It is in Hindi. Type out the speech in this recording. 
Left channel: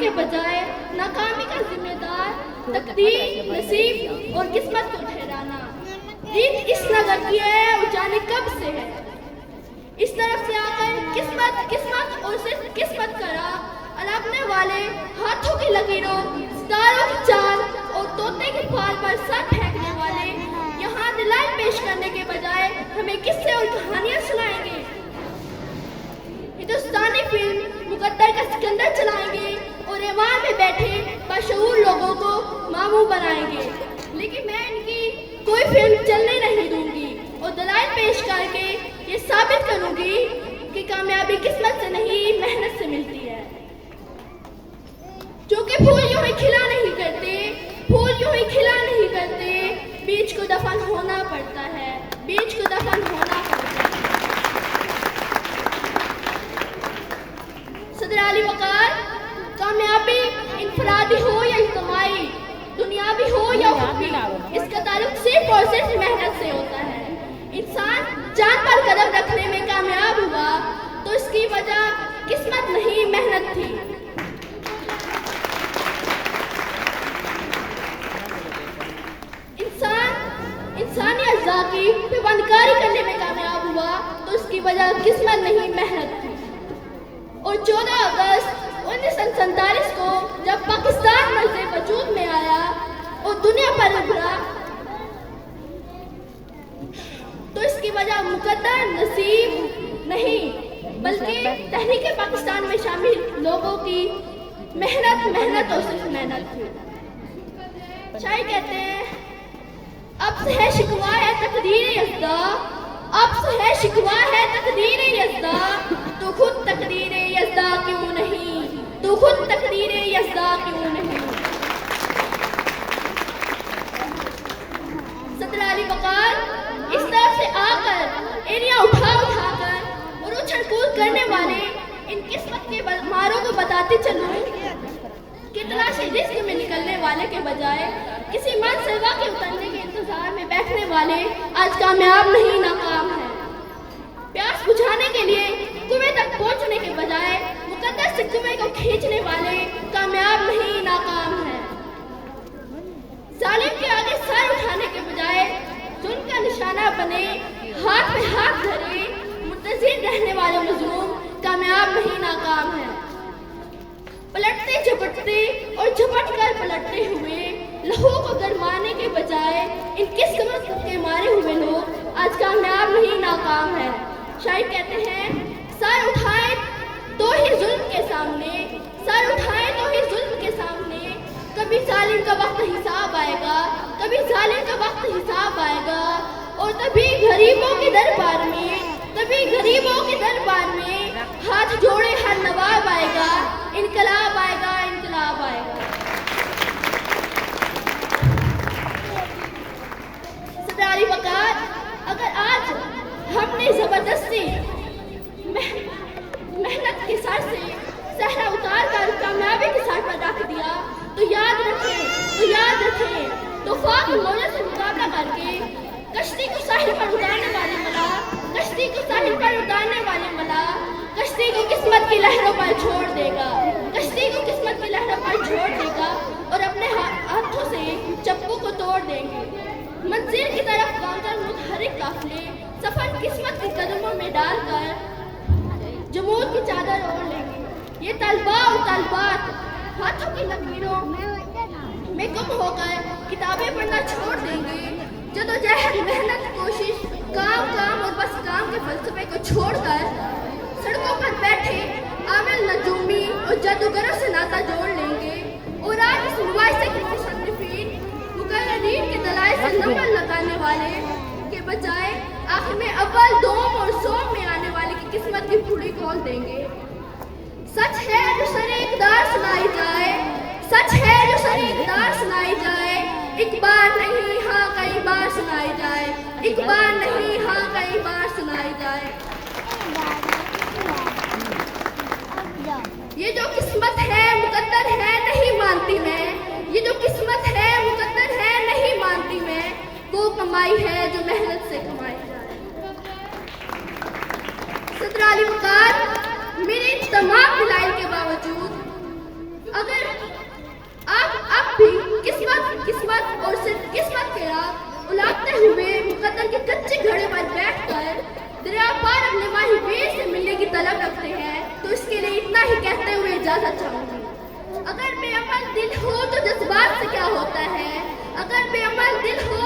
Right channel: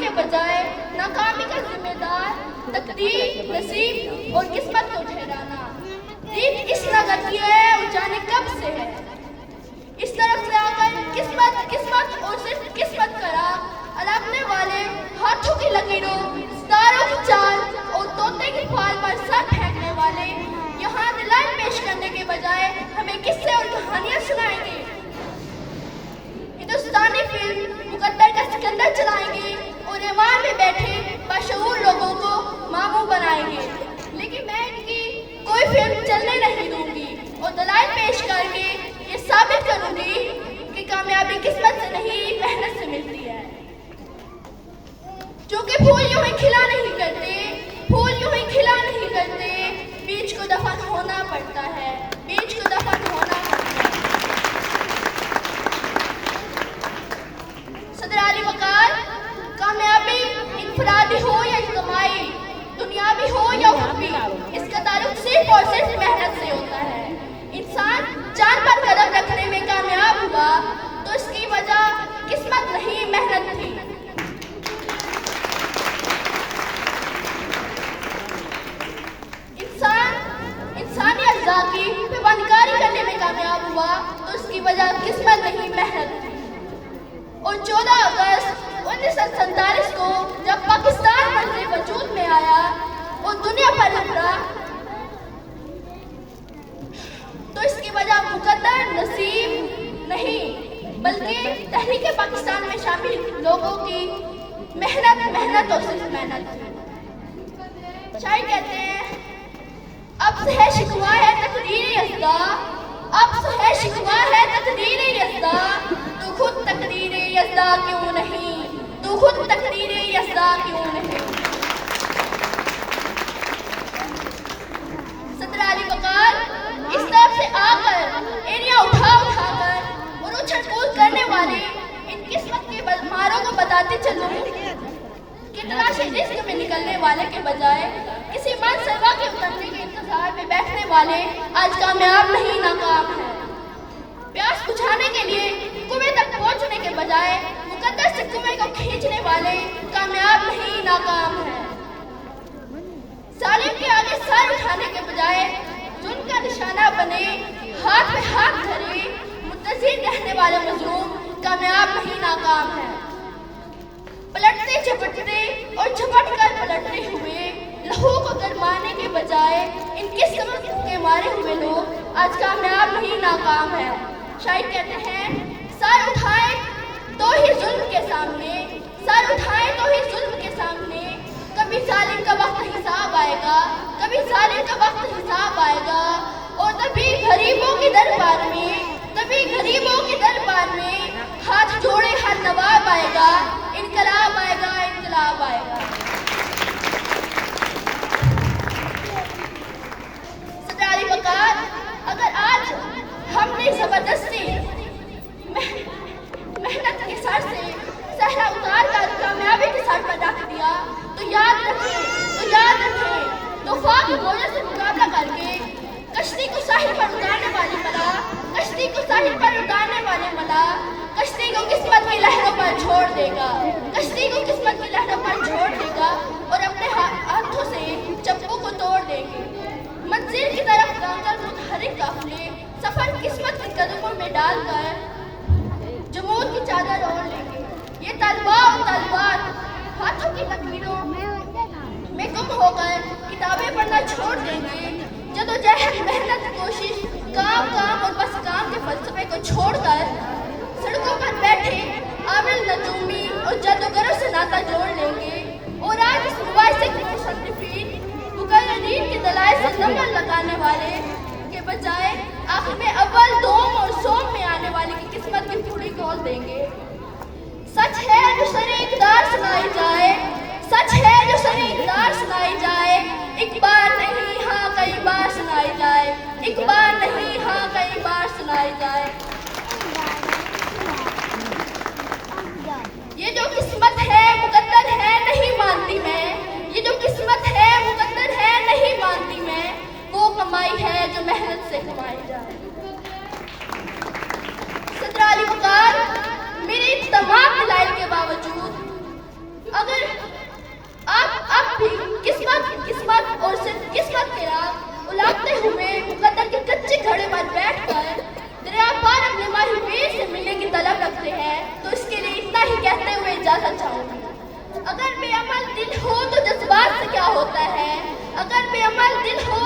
के बजाय नाकामी का जिम्मेदार तकदीर, नसीब और किस्मत को ठहराना। जीत किस नगर की है वो जाने कब से है। इस तरफ से आकर किस्मत किस्मत और सिर्फ किस्मत करा अड़कने वाले हाथों की लकीरों, सितारों की चाल और तोते की फाल पर सर फेंकने वाले यहाँ दलाल पेश करने के बजाय हमें किससे और कहानियां सुनाएंगे। हिंदुस्तानी फिल्म मुकद्दर का सिकंदर चलाएंगे और ईमान में बैठे बाशऊर लोगों को मामूल बनाएंगे। लेकिन मैं इनकी कोई फिल्म चलने नहीं दूंगी और दलाल पेश करके ये साबित करूंगी कि कामयाबी किस्मत से नहीं मेहनत से मिलती है। क्योंकि फूल यूं ही खिला नहीं करते, फूल यूं ही खिला नहीं करते, बीज को दफन होना पड़ता है, बीज को दफन होना पड़ता है। सदर अली वकार, कामयाबी इनफरादी हो या इज्तिमाई, दुनियावी हो या उखवी, इसका ताल्लुक सिर्फ और सिर्फ मेहनत से होता है। इंसान जान पर कदम रखने में कामयाब हुआ तो इसकी वजह किस्मत नहीं मेहनत थी। इंसानी अज़्ज़ा की पैमानकारी करने में कामयाब हुआ तो इसकी वजह किस्मत नहीं मेहनत थी। और 14 अगस्त 1947 को जब पाकिस्तान मज़े वजूद में आया और दुनिया पर उभरा तो इसकी वजह मुकद्दर, नसीब नहीं बल्कि तहरीक पाकिस्तान में शामिल लोगों की मेहनत और सिर्फ मेहनत थी। शायद कहते हैं अब से है शिकवा है तकदीर यज़्दा, अब से है शिकवा है तकदीर यज़्दा, तू खुद तकदीर यज़्दा क्यों नहीं, तू खुद तकदीर यज़्दा क्यों नहीं। सदर अली वकार, इस तरफ से आकर एरिया उठाकर और उछल कूद करने वाले इन किस्मत के मारों को बताते चलूं कि तलाशी रिस्क में निकलने वाले के बजाय किसी मनसलवा के उतरने के इंतजार में बैठने वाले आज कामयाब नहीं नाकाम है। प्यास बुझाने के लिए कुएं तक पहुंचने के बजाय मुकद्दर से कुएं को खींचने वाले कामयाब नहीं नाकाम है। जालिम के आगे सर उठाने के बजाय जुल्म का निशाना बने हाथ में हाथ धरे मुंतज़िर रहने वाले मजलूम कामयाब नहीं नाकाम है। पलटते झपटते और झपट कर पलटते हुए लहू को गरमाने के बजाय इन किस्मत के मारे हुए लोग आज कामयाब नहीं नाकाम है। शायद कहते हैं सर उठाए तो ही जुल्म के सामने, सर उठाए तो ही जुल्म के सामने, कभी जालिम का वक्त हिसाब आएगा, कभी जालिम का वक्त हिसाब आएगा और तभी गरीबों के दरबार में, तभी गरीबों के दरबार में हाथ जोड़े हर नवाब आएगा, इनकलाब आएगा, इनकलाब आएगा। सदर अली वकार, अगर आज हमने जबरदस्ती मेहनत के सर से सहरा उतार कर कामयाबी के सर पर रख दिया तो याद रखें तूफान की मौजों से मुकाबला करके कश्ती को साहिल पर उतारने वाले मना, कश्ती को साहिल पर उतारने वाले मना कश्ती को किस्मत की लहरों पर छोड़ देगा, कश्ती को किस्मत की लहरों पर छोड़ देगा और अपने हाथों से चप्पू को तोड़ देंगे। मंजिल की तरफ गामजन मुतहरिक काफिले सफर किस्मत के कदमों में डालकर जमूर की चादर ओढ़ लेंगे। ये तलवार हाथों की लकीरों में गुम होकर किताबें पढ़ना छोड़ देंगे। जदोजहद, मेहनत, कोशिश, काम और बस काम के फलसफे को छोड़कर सड़कों पर बैठे आमिल नजूमी और जादूगरों से नाता जोड़ लेंगे और आज इस मुबाहिसे के मुसन्निफीन मुकर्रिरीन के दलाइल से नंबर लगाने वाले के बजाय आखिर में अव्वल, दोम और सोम में आने वाले की किस्मत की फुड़ी खोल देंगे। सच है जो सरे इक़्तिदार सुनाई जाए, सच है जो सरे इक़्तिदार सुनाई जाए, एक बार नहीं हाँ कई बार सुनाई जाए, एक बार नहीं हाँ कई बार सुनाई जाए। ये जो किस्मत है मुकद्दर है नहीं मानती मैं, ये जो किस्मत है मुकद्दर है नहीं मानती मैं, वो कमाई है जो मेहनत से कमाई जाए। सदर अली वकार, मेरे तमाम दलाइल के बावजूद अगर आप भी किस्मत और सिर्फ किस्मत के राह उलाटते हुए मुकद्दर के कच्चे घड़े पर बैठकर दरिया पार अपने माही वीर से मिलने की तलब रखते हैं, तो इसके लिए इतना ही कहते हुए इजाजत चाहूंगी। अगर बेअमल दिल हो तो जज्बात से क्या होता है, अगर बेअमल दिल हो